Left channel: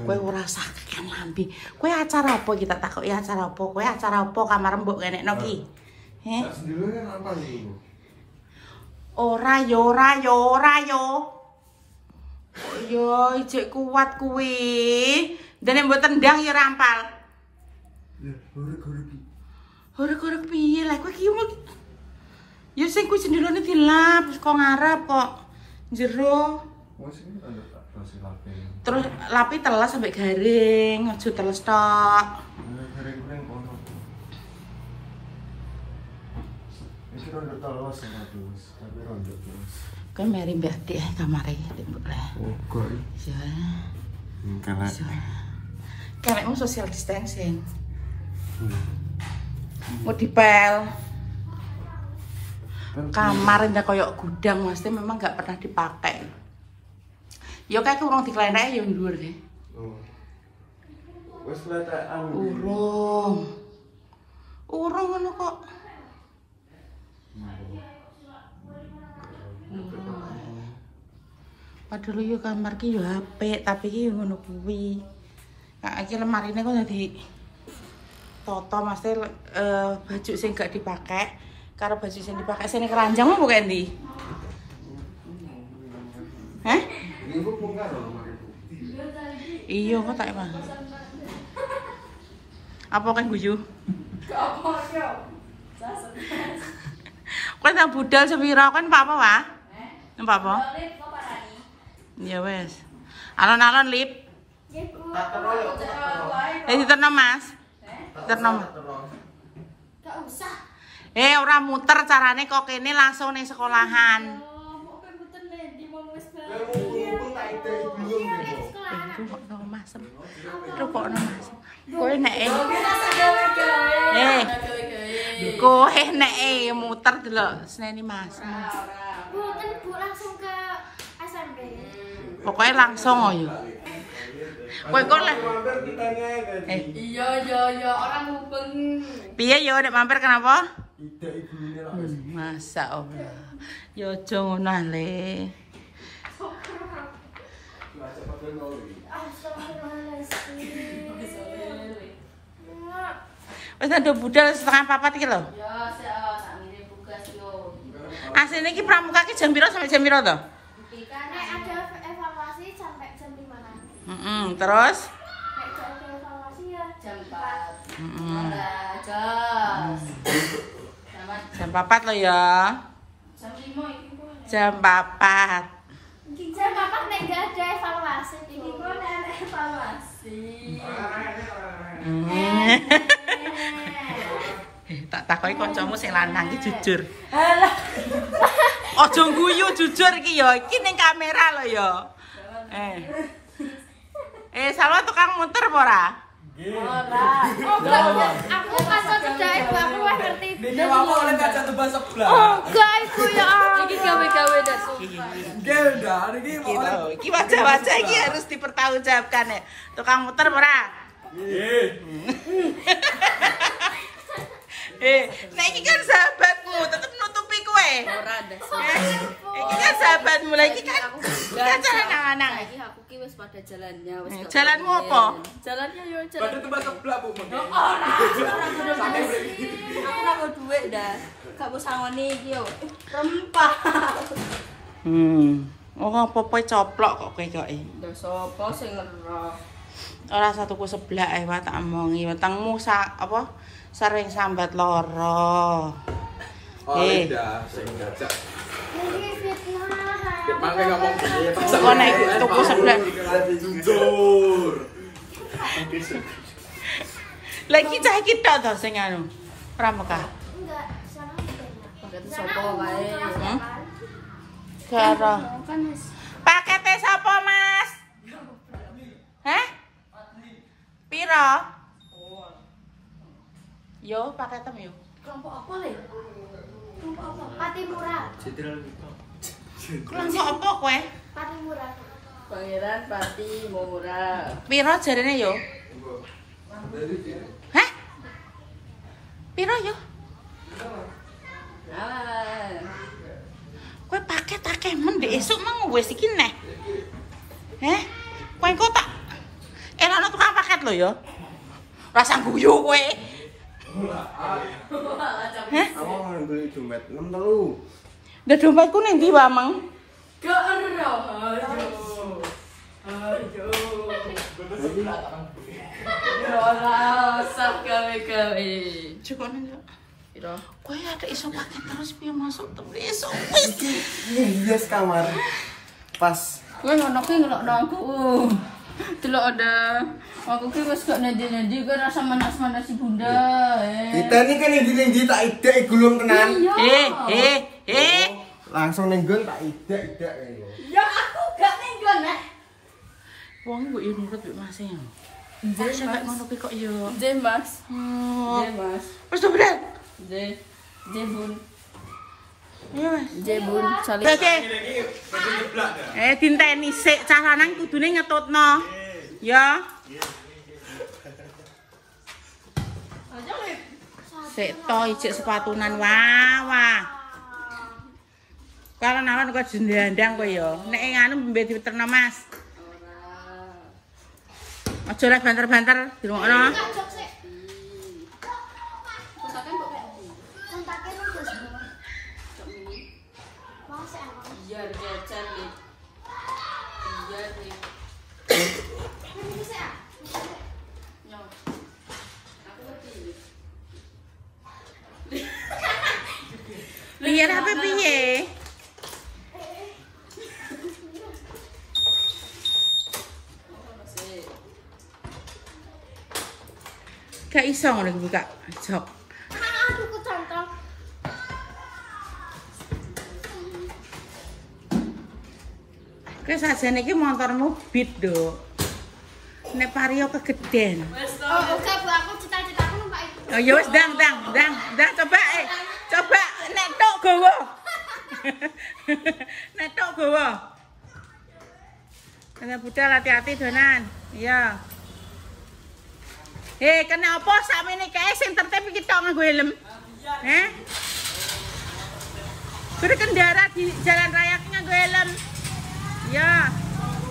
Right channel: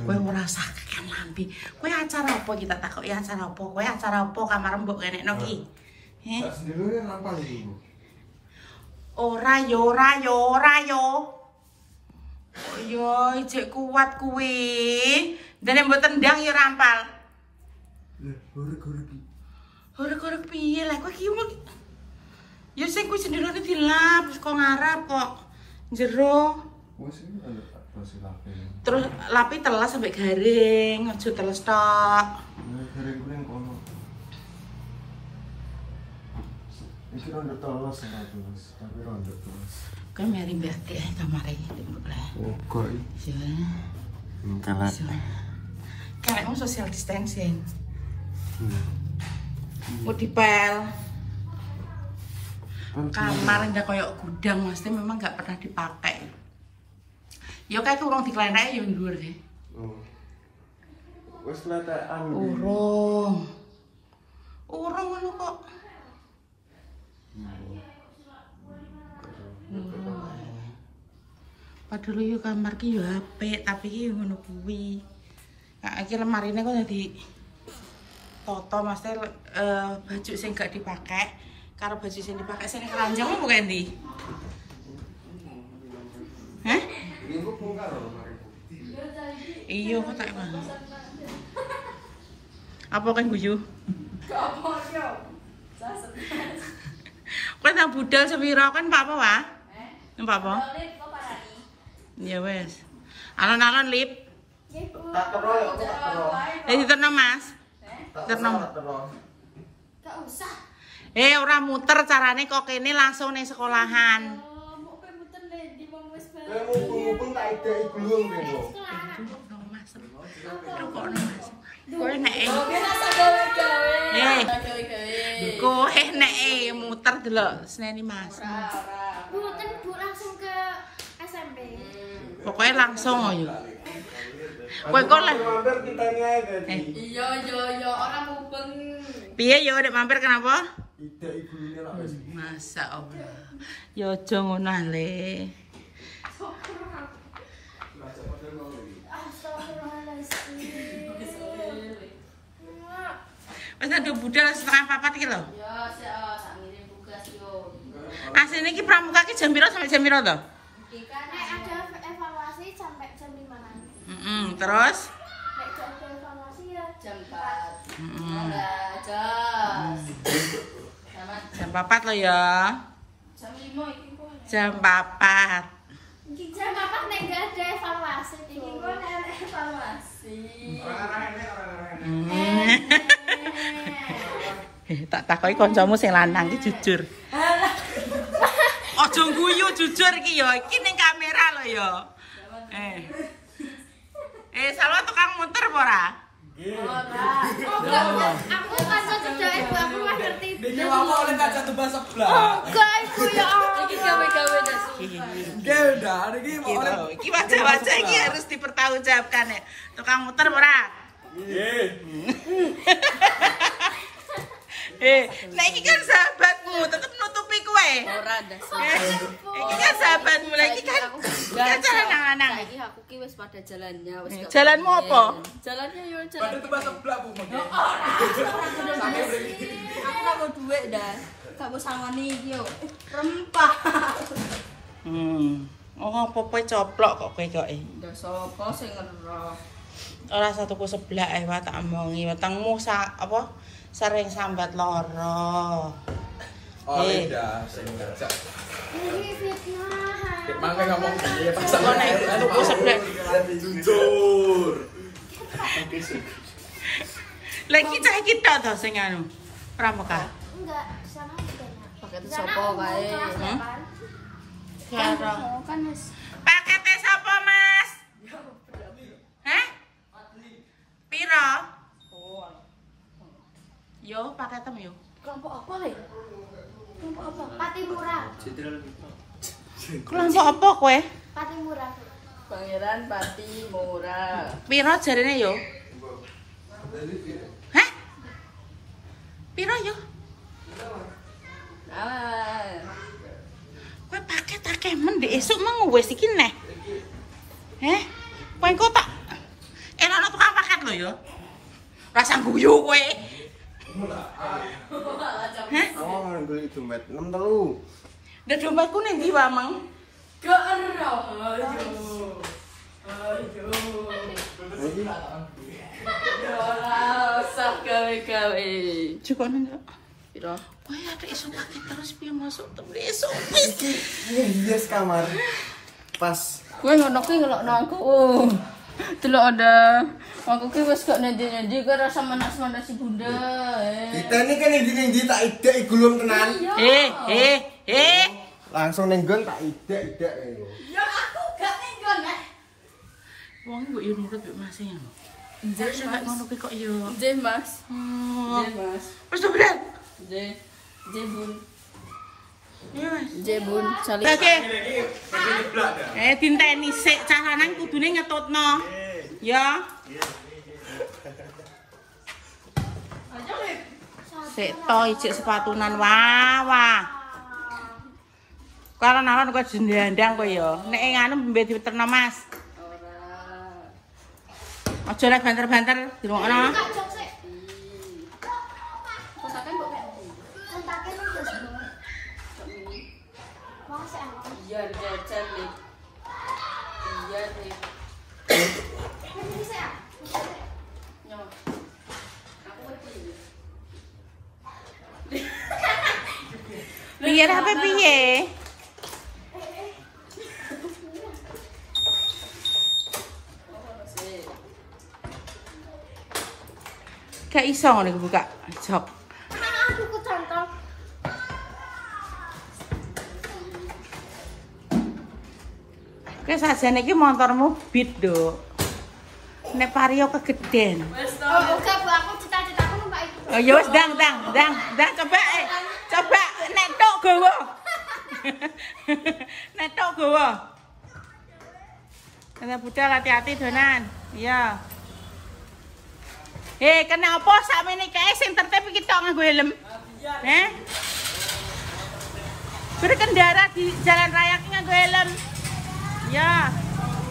Kowe ora sakit kan lambi. Kowe acara apa kita takoki acara apa? Kowe acara apa kamar mbok kenekno ki? Heh. Ora yo. Yo ijek kuat kuwi. Dene mbok tendang yo rampal. Horek piye lah kowe ki ya sing kuwi jendelane dilap kok ngarep kok jero. Terus lapi telas sampai garing, aja teles tok. Garing kuwi kono. Iki rondo teles terus, tapi rondo terus. Kan mari mbak teh kamare iki. Oh, kok. Kalau mau social distancing. Mau dipel. Kamar indah koyok gudang maksudnya memang nggak pernah dipakai. Ya kayak urung diklenek ya dhuwur deh. Wes letekan. Urung ngono kok. Padahal yo kamar ki yo apik, tapi ki ngono kuwi. Nah, iki lemarine kok dadi toto maksudnya baju sing gak dipakai karo baju sing dipakai sing keranjang apa kae ndi? Hah? Iya kok tak mah. Apa kan guyu? Apa yo? Kowe nang budal sepira kan Pak apa wae? Pak apa? Ya wes. Alon-alon lip. Diterno Mas. Diterno. Gak usah. Ora muter carane kok kene langsung ning sekolahan. Mau kowe muter ndi wong wis Kowe nek kowe nek muter delok seneni Mas. Mboten Bu langsung ke SMP. Pokoknya langsung ya. Kowe kok lah. Iya orang mubeng. Piye yo nek mampir kenapa? Tidak ibune lah wis. Masa Allah. Yo aja ngono le. Wis ada budal setengah papat iki lho. Ya sak ngene tugas yo. Asline iki pramuka ki jam pira sampai jam pira to? Nek ada evaluasi sampai jam 5. Terus Nek ada evaluasi ya jam 4. Jam 4 lo ya. Jam 5 iki kok. Jam 4. Jam 4 nek gak ada evaluasi, iki kok nek evaluasi. Tak takoki kancamu sing lanang iki jujur. Aja guyu jujur iki ya. Iki ning kamera lho ya. Salwa tukang muter apa ora? Ora. Aku kan cedake aku wis ngerti. Niki wae oleh kaca tebas sebelah. Enggak iku ya. Iki gawe-gawe Nggih ndak niki oleh Iki wajah-wajah iki harus dipertanggungjawabkan ya. Tukang muter apa ora? nggih. Nah iki kan sahabatmu, tetep nutupi kowe. Ora ndas. Iki kan sahabatmu, lah iki kan jalan lanang. Iki aku ki wis pada jalannya wis. Jalanmu apa? Jalannya yo jalan. Kaca tebas sebelah Bu. Aku gak mau duit dah. Gak mau sangoni iki yo. Rempah. Oh apa-apa coplok kok kowe kok. Ndak sapa sing ngeroh. Ora satuku sebelah wae tak omongi. Wetengmu apa? Sering sambat loro. Udah sing ngajak. Ini fitnah. Makanya ngomong gitu. Kok nek tuku sebelah. Jujur. Lagi cah iki tok to sing anu. Pramuka. Enggak, sana enggak. Paket sapa wae. Karo. Kan wis. Pakete sapa, Mas? Hah? Piro? Yo, paketem yo. Kelompok apa le? Kelompok apa? Pati murah. Kelompok apa kowe? Pati murah. Pangeran Pati Murah. Piro jarene yo? Hah? Piro yo? Nah, Kowe paket akeh men ndek esuk mau wis iki neh. Heh? Kowe engko tak ana tukang paket lho ya. Rasa guyu kowe. Hah? Aku beli dompet 63. Ndak dompetku ning ndi wae, Mang? Gak ero. Jadi Ora usah gawe-gawe. Cukup nang. Piro? Kowe ada iso paket terus piye masuk terus. ini hias kamar. Pas. Kowe ngelokno aku. Delok ada. Aku ki wis gak nendi-nendi kok rasa manas-manas si Bunda. Kita ini kan indi tak idek gulung tenan. Langsung ning nggon tak idek ngene. Ya aku gak nenggon nek. Wong kok yo nurut mbek Mas ya. Nggih, nek ngono ki kok yo. Nggih, Mas. Oh. Nggih, Mas. Wis to, Bren. Nggih. Nggih, Bun. Iya, Mas. Nggih, Bun. Saling. Oke. Dinteni sik cah lanang kudune ngetutno. Ya. Sik to ijik sepatunan wah. Kalau nalan kok jendandang kok ya. Nek nganu mbek diterno Mas. Ora. Aja lek banter-banter dirungokno. Iya, jajan nih. Iya nih. Yo. Aku ngerti. Piye HP piye? Gak iso ngono buka jok. Aku kecantol. Kowe sajane iki motormu beat, Dok. Nek Vario kegeden. Oh, oke Bu, aku cita-citaku numpak itu. Oh ya wis dang coba coba nek tok gowo. Nek tok gowo. Ana budal hati-hati donan. Iya. Kenapa sakmene kae sing tertib iki tok nganggo helm? Berkendara di jalan raya nganggo helm. Ya.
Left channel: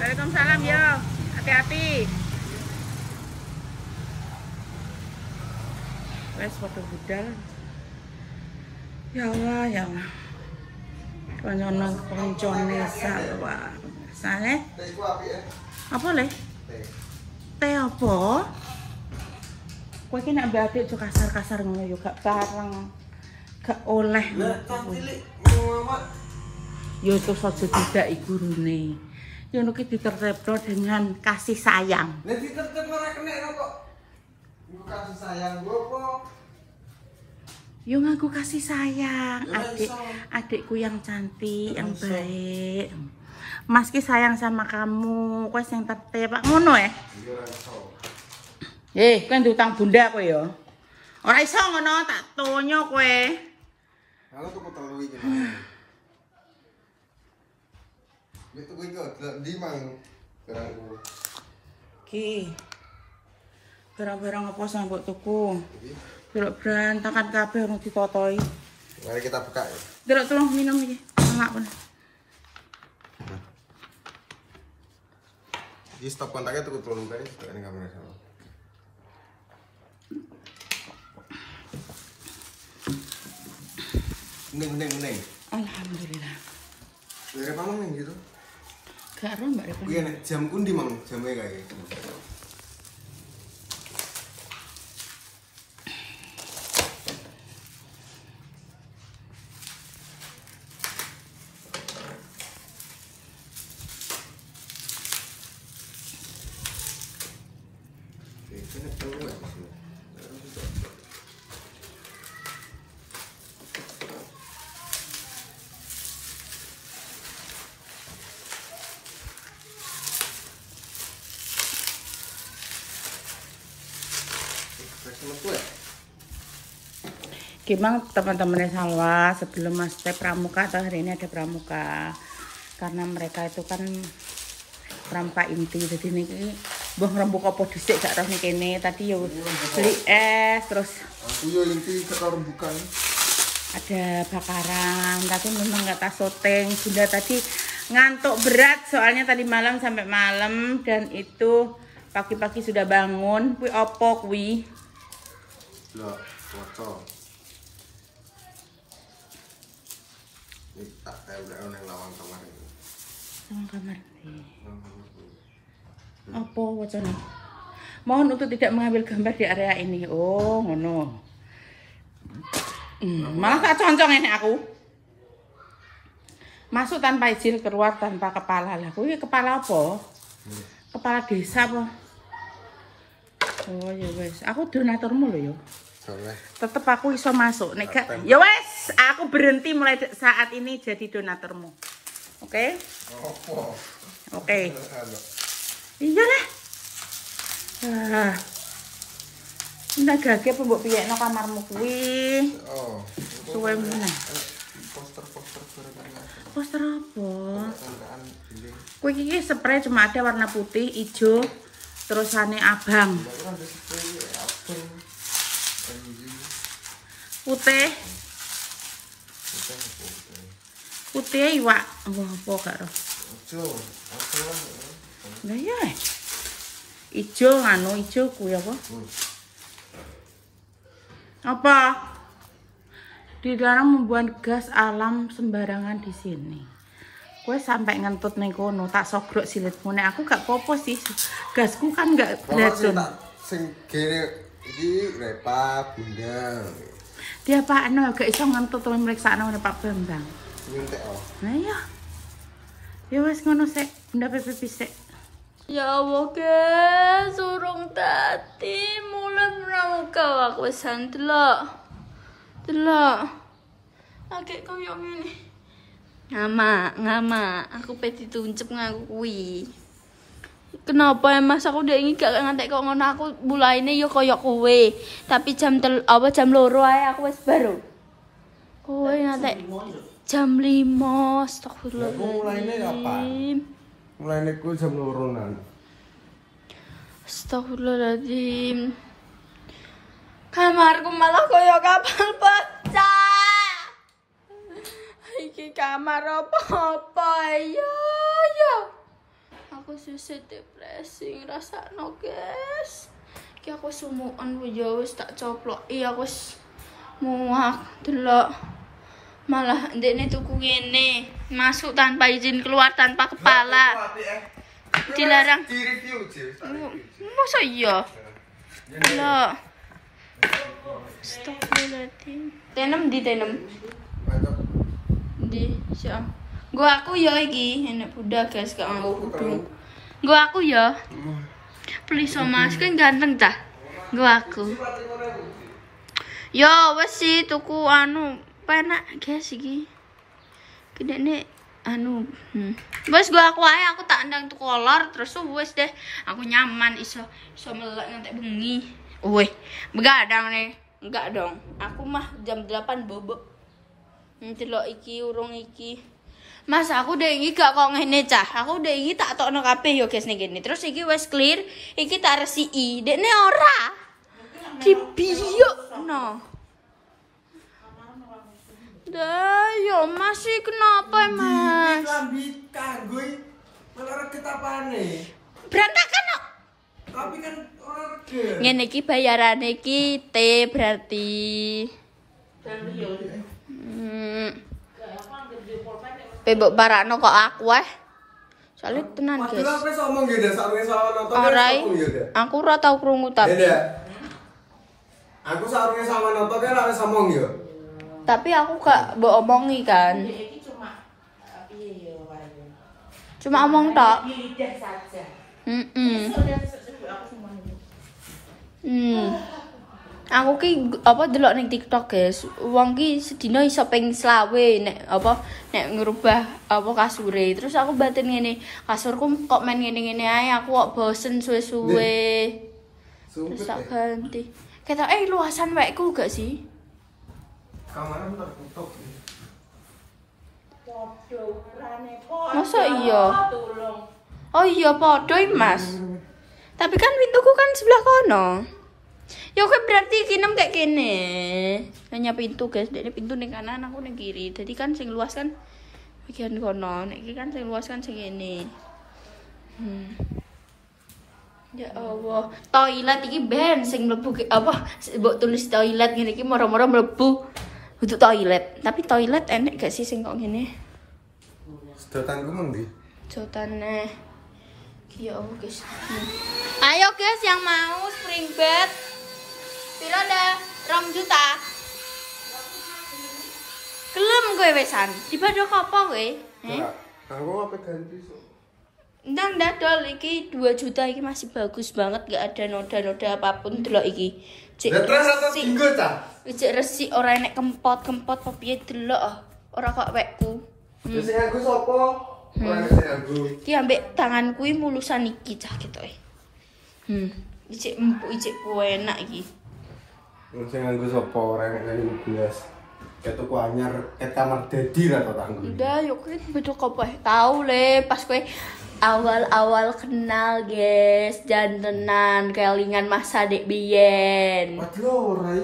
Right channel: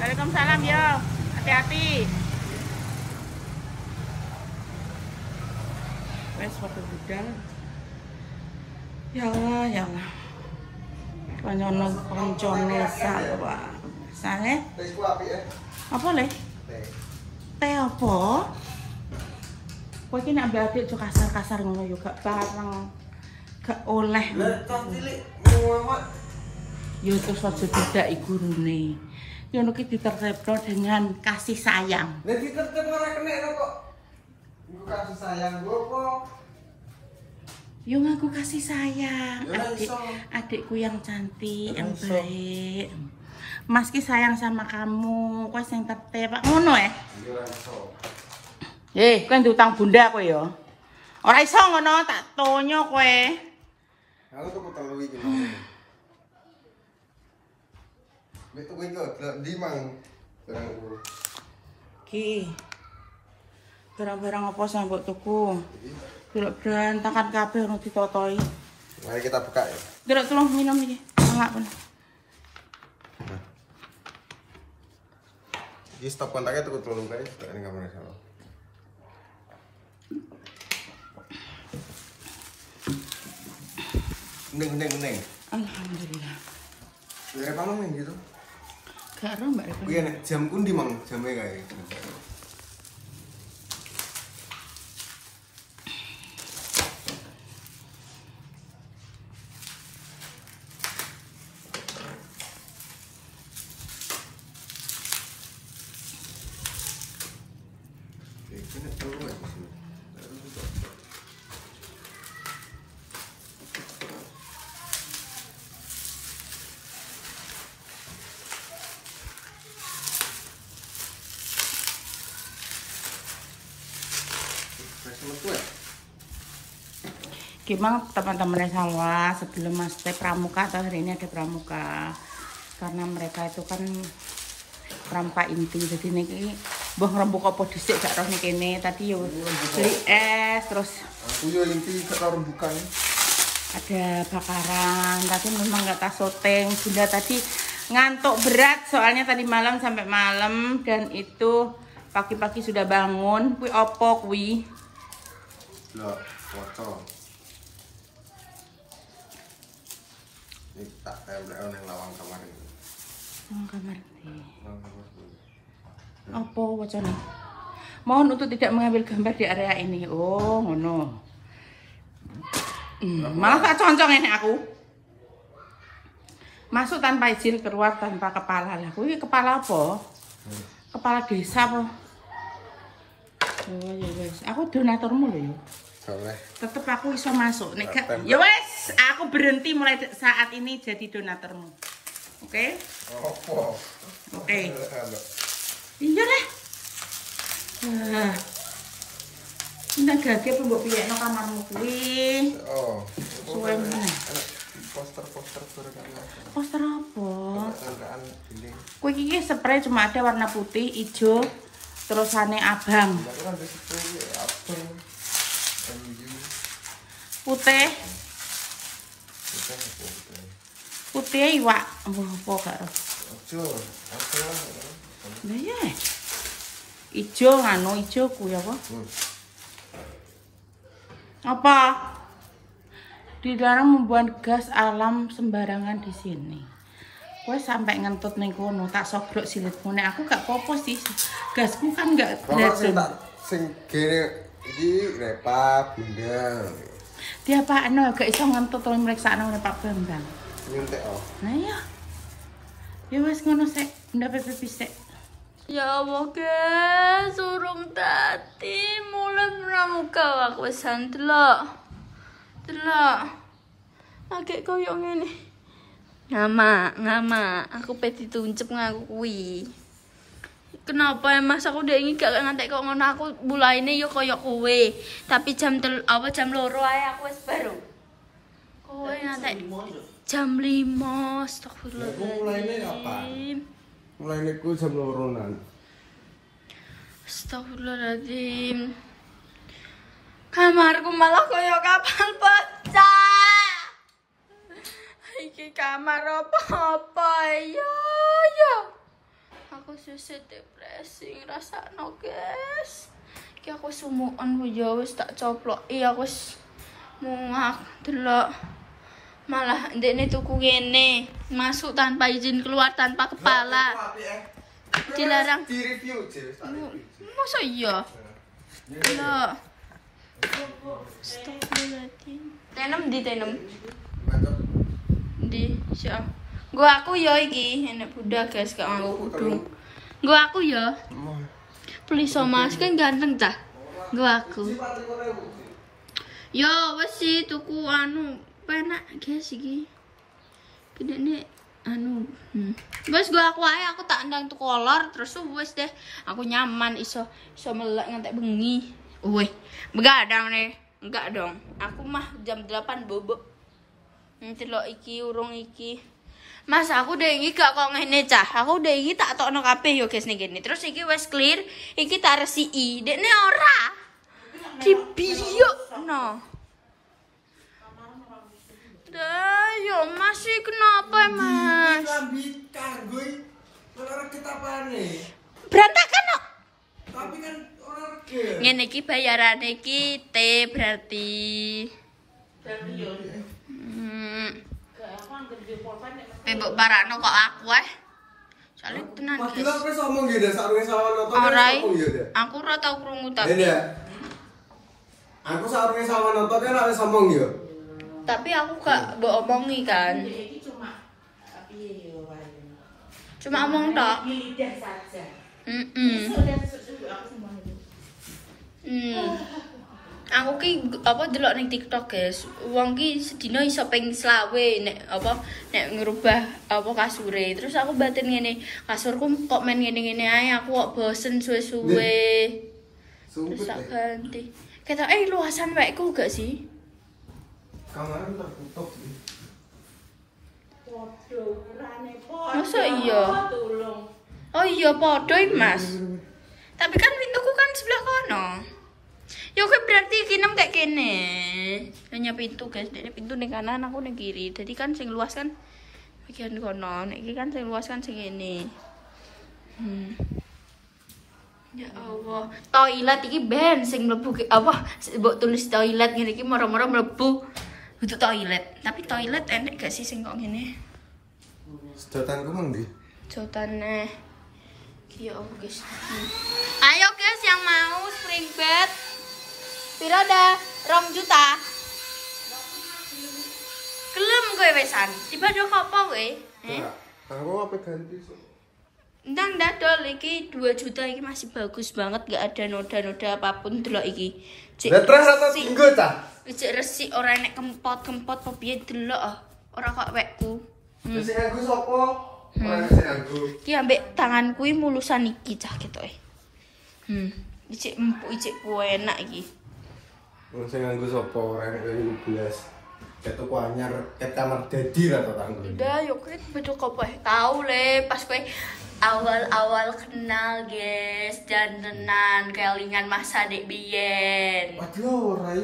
Waalaikumsalam ya. Hati-hati. Wes foto budal. Ya Allah, ya Allah. Koncone salwa. Sae? Iku apik ya. Apa le? Teh apa? Kowe iki nek mbak adik kasar-kasar ngono yo gak bareng. Gak oleh. Lah cilik mumet. Yo terus aja didaki gurune. Yo ngono ki ditertibno dengan kasih sayang. Nek ditertib ora kena kok. Iku kasih sayang gua apa? Yo ngaku kasih sayang, adikku yang cantik, yang baik. Mas ki sayang sama kamu, kowe sing tertib. Ngono ya? Iya ora iso. Kowe diutang bunda kowe ya. Ora iso ngono, tak tonyo kowe. Aku tuku telu iki. Wis tuku iki ndi mang barang kuwi. Ki. Barang-barang apa sing mbok tuku? Delok berantakan kabeh ono ditotoi. Mari kita buka ya. Delok tolong minum iki. Enggak pun. Di stop kontaknya tuku telu kae ini kamera sama. Neng. Alhamdulillah. Dari pamang nih gitu. Gak ero Mbak Repa. Iya nek jam kundi mang jamnya kayak gitu. Ini telur ya sih. Gimana teman-teman Salwa sebelum Mas Teh pramuka atau hari ini ada pramuka karena mereka itu kan pramuka inti jadi ini mbah rembuk apa dhisik gak roh nih kene tadi yo beli es terus aku yo inti kita rembukan ada bakaran tapi memang nggak tas syuting Bunda tadi Ngantuk berat soalnya tadi malam sampai malam dan itu pagi-pagi sudah bangun. Kuwi opo kuwi? Loh, foto. Ini tak tempel nang lawang kamar ini. Lawang kamar iki. Lawang kamar ini. Opo wacane? Mohon untuk tidak mengambil gambar di area ini. Oh, ngono. Malah tak concong ini aku. Masuk tanpa izin, keluar tanpa kepala. Lah, kuwi kepala apa? Kepala desa apa? Oh, ya wes. Aku donaturmu lho yo. Boleh. Tetep aku iso masuk. Nek gak, ya wes, aku berhenti mulai saat ini jadi donaturmu. Oke? Opo? Oke. Iya lah. Ndak gage apa mbok piyekno kamarmu kuwi? Oh. Suwe meneh. Poster-poster berkarya. Poster apa? Tandaan dinding. Kuwi iki spray cuma ada warna putih, hijau, terusane abang. Lah kan ada spray apel. Putih. Putih iwak. Apa gak ro? Ojo, apel. Lah ya. Ijo anu ijo kuwi apa? Apa? Dilarang membuang gas alam sembarangan di sini. Kowe sampai ngentut ning kono tak sogrok silitmu. Nek aku gak popo sih. Gasku kan gak beracun. Sing gene iki Repa Bunda. Dia pakno gak iso ngentut to mriksakno Pak Bambang. Nyuntek oh. Nah iya. Ya wis ngono sik, Bunda Pepe sik. Ya Allah guys, urung tadi mulai pramuka aku wis delok. Delok. Lagi koyo ngene. Ngama, aku pe dituncep ngaku kuwi. Kenapa ya Mas aku udah ingin gak ngantek kok ngono aku mulaine yo koyo kowe. Tapi jam 2 ae aku wis baru. Kowe ngantek jam 5. Astagfirullahaladzim. Mulaine apa? Mulaine ku jam 2-an. Astagfirullahaladzim. Kamarku malah koyo kapal pecah. Iki kamar apa ya. Aku susah depresi ngrasakno, guys. Iki aku sumukan yo wis tak coplok. Iya aku wis muak delok. Malah ndekne tuku ngene, masuk tanpa izin, keluar tanpa kepala. Dilarang. Di-review, Jil. Masa iya? Delok. Astagfirullahaladzim. Tenem di tenem. Di siap. Gua aku ya iki, enek budak guys gak mau kudu. Gua aku ya. Please Mas, kan ganteng dah. Gua aku. Yo wes sih tuku anu penak guys iki. Gede nek anu. Wes gua aku ae aku tak ndang tuku kolor terus wes deh. Aku nyaman iso melek ngantek bengi. Weh, begadang nih. Enggak dong. Aku mah jam 8 bobok. Ndelok iki urung iki. Mas aku udah iki gak kok ngene cah. Aku udah iki tak tokno kabeh yo guys ning kene. Terus iki wis clear, iki tak resiki. Dekne ora. Dibiyok no. Dah yo masih kenapa Mas? Lambi kargo iki ora ketapane. Berantakan no. Tapi kan ora rega. Ngene iki bayarane iki T berarti. Mbok barakno kok aku soalnya tenan guys. Padahal wis omong ya dak sarunge sawan nonton. Aku ora tau krungu tapi. Aku sarunge sawan nonton kan ora wis omong ya. Tapi aku gak mbok omongi kan. Cuma omong tok. Aku ki apa delok ning TikTok guys. Wong ki sedina iso ping 20 nek ngerubah apa kasure. Terus aku batin ngene, kasurku kok main ngene-ngene ae, aku kok bosen suwe-suwe. Terus tak ganti. Ketoke luasan wekku gak sih? Kamarnya tertutup sih. Masa iya? Oh iya podo Mas. Tapi kan pintuku kan sebelah kono. Ya oke berarti kinem kayak kene. Hanya pintu guys, dari pintu ning kanan aku ning kiri. Jadi kan sing luas kan bagian kono. Nek iki kan sing luas kan sing ngene. Ya Allah, toilet iki ben sing mlebu apa mbok tulis toilet ngene iki moro-moro mlebu untuk toilet. Tapi toilet enek gak sih sing kok ngene? Sedotanku mengdi. Sedotane. Ya Allah, guys. Ayo guys yang mau spring bed. Piro dah? 2 juta. Gelem gue wesan. Ibadah apa kowe? Aku apa ganti sih? Ndang dadol iki 2 juta iki masih bagus banget, gak ada noda-noda apapun delok iki. Cek tinggal ta. Cek resik ora enek kempot-kempot apa piye delok. Ora kok wekku. Sing aku sapa? Ora sing aku. Iki ambek tangan kuwi mulusan iki cah ketoke. Icik empuk icik ku enak iki. Sing aku sapa? Ora enek lagi belas. Ketuku anyar ket kamar dedi ra to tanggo. Udah yuk kuwi betul kok tahu le pas kowe awal-awal kenal guys, jantenan kelingan masa dek biyen. Waduh, ora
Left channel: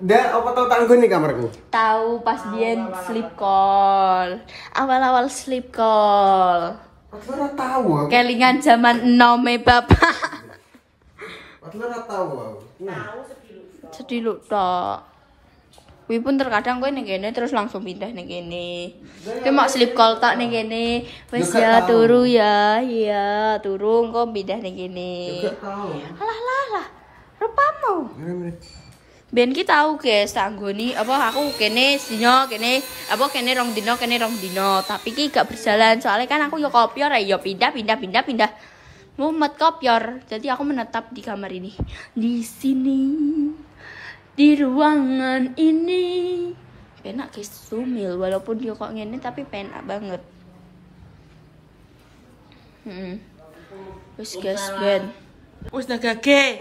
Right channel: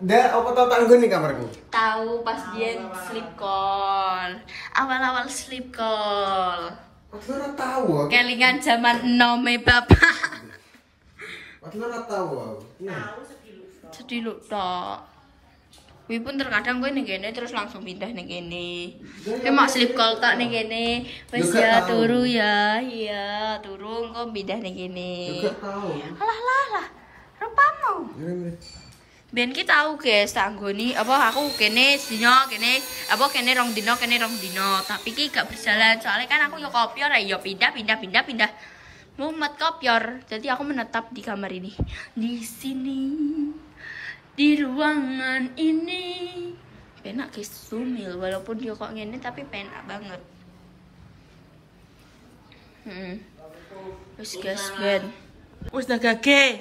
ndak apa tau tanggo nih kamarku. Tahu pas biyen sleep call. Awal-awal sleep call. Waduh ora tahu aku. Kelingan zaman enome bapak. Waduh ora tahu aku. Sedih lu tok. Kuwi pun terkadang kowe ning kene terus langsung pindah ning kene. Ki mak sleep call tak ning kene. Wis ya turu ya. Iya, turu engko pindah ning kene. Enggak tahu. Alah. Rupamu. Ben ki tau guys, tak nggoni apa aku kene dino kene apa kene rong dino. Tapi ki gak berjalan soalnya kan aku yo kopior ya pindah. Mumet kopior. Jadi aku menetap di kamar ini. Di sini. Di ruangan ini penak guys, sumil walaupun dia kok ngene tapi penak banget. Terus guys ben Wis dah gage.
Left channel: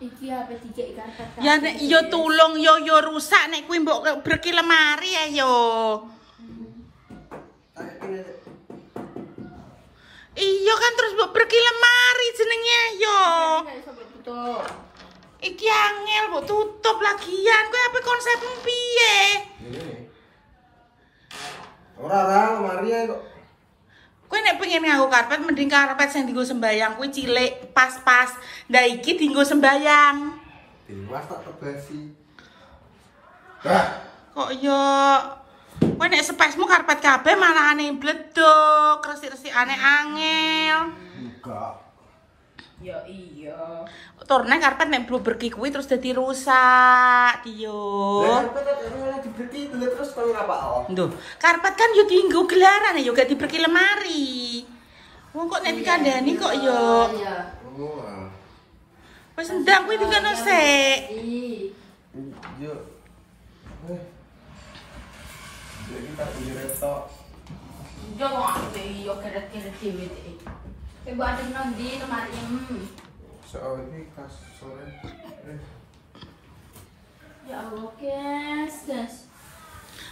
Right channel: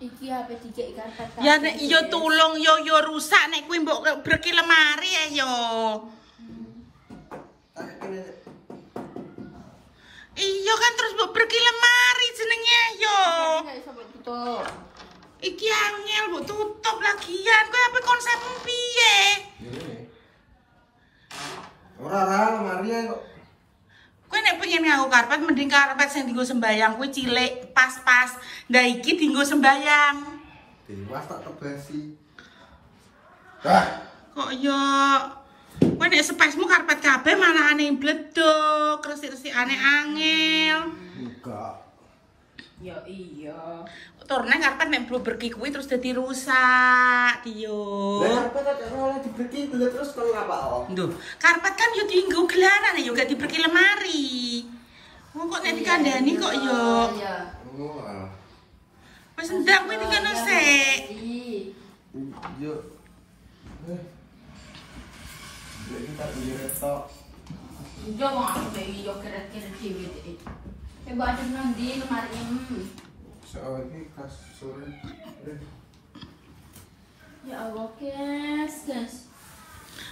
Iki HP dijek karpet. Ya nek yo tulung yo rusak nek kuwi mbok breki lemari ya yo. Iya kan terus mbok breki lemari jenenge yo. Iki angel mbok tutup lagian. Kowe apa konsepmu piye? Ora lemari kok. Kowe nek pengen nganggo karpet mending karpet sing dienggo sembayang kuwi cilik, pas-pas. Ndak iki dienggo sembayang. Dewas tak tebasi. Kok yo kowe nek spesmu karpet kabeh malah aneh bledok, resik-resikane angel. Enggak. Ya iya. Turune karpet nek berki kuwi terus dadi rusak, yo. Lah karpet ora dibreki terus koyo apa? Nduh, karpet kan yo dienggo gelaran yo gak dibreki lemari. Wong kok nek dikandani kok yo. Oh. Wis ndang kuwi dikono sik. Yo. Jadi tak punya ketok. Yo aku iki yo keret-keret dhewe iki. Coba ada nang di lemari ini. Soal ini kasur. Ya Allah, guys.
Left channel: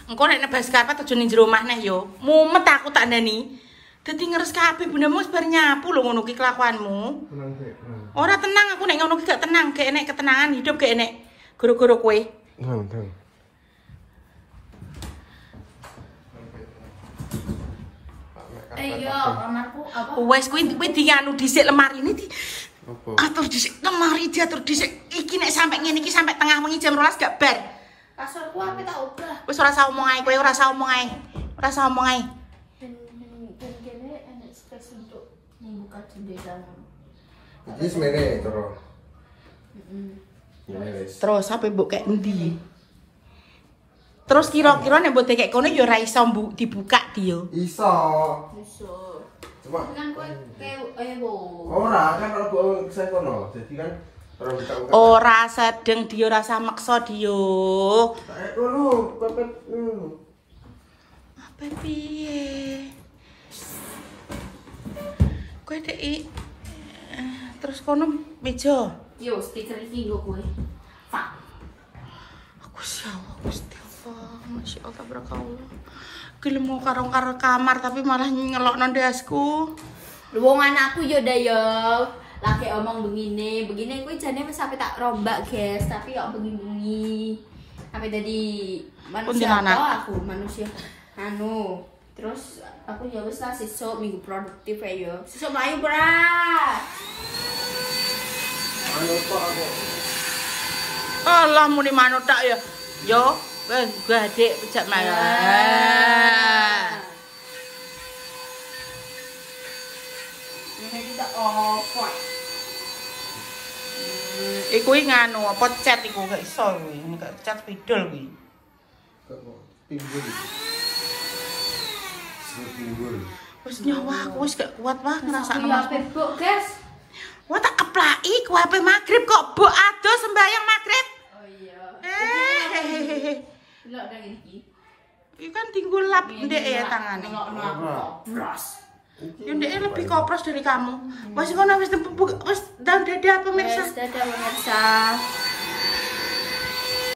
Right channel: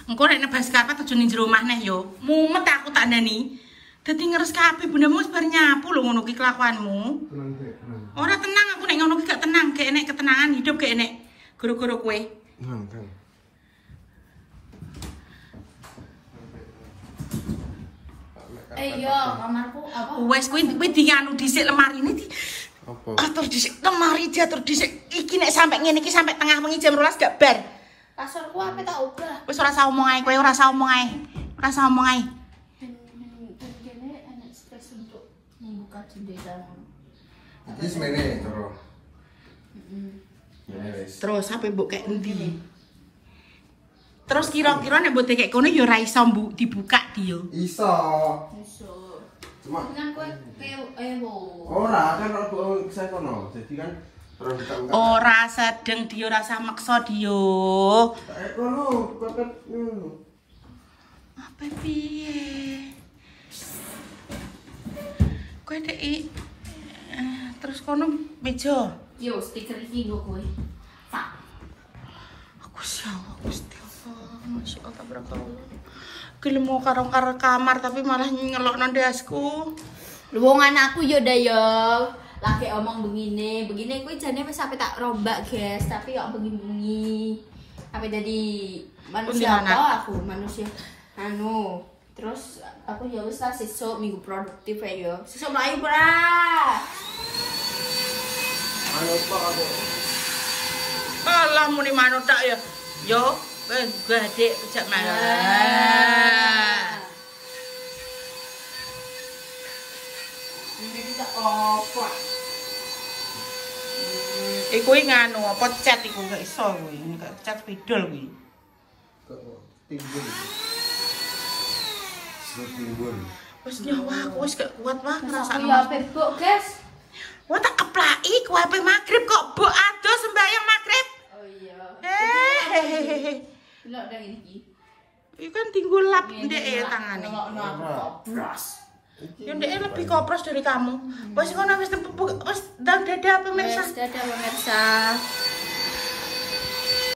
Engko nek nebas karpet aja ning jero omah neh yo. Mumet aku tak ndani. Dadi ngeres kabeh bundamu wis bar nyapu lho ngono ki kelakuanmu. Tenang dek. Ora tenang aku nek ngono ki gak tenang, gak enek ketenangan hidup gak enek goro-goro kowe. Tenang. Ayo, kamarku apa? Wes kuwi dianu dhisik lemari ini di Apa? atur dhisik lemari diatur dhisik. Iki nek sampe ngene iki sampe tengah wengi jam 12 gak bar. Kasurku apa tak ubah? Wis ora usah omong ae kowe, ora usah omong ae. Ora usah omong ae. Kene enak space untuk membuka jendela. Iki semene karo. Ya wis. Terus sampe mbok kek endi? Terus kira-kira nek mbok tekek kono ya ora iso dibuka dia. Iso. Iso. Cuma Kan kowe ewo. ora kan aku saya kono. Jadi kan orang buka-buka. Ora sedeng dia rasa maksa dia. Kono, pepet. Apa piye? Kowe dek terus kono meja. Yo, speaker iki nggo kowe. Pak. Aku siapa Gusti Allah, Masya Allah barakallah. Gelem mau karo kamar tapi malah ngelokno ndasku. Wong anakku yo dah yo. Lagi omong begini kuwi jane wis sampe tak rombak, guys, tapi yo bengi-bengi. Sampai jadi manusia Kuntilanak. apa aku manusia. anu terus aku ya wis lah sesuk minggu produktif ya yo. Sesuk mlayu bra. Ayo kok aku. Allah muni manut tak ya. Yo, wis gede pejak malah. Ini kita opo. Iku nganu apa cat iku gak iso kuwi. Gak cat spidol kuwi. Timbul. Timbul. Wis nyawa aku wis gak kuat wah ngrasakno. Ya Facebook, guys. Wah tak keplaki ku HP magrib kok mbok ado sembayang magrib. Oh iya. Lho kayak iki. iki kan tinggal lap ndek ya tangane. Bras. Ya ndek lebih kopros dari kamu. Wis ngono wis ndang dada pemirsa. Dadah pemirsa.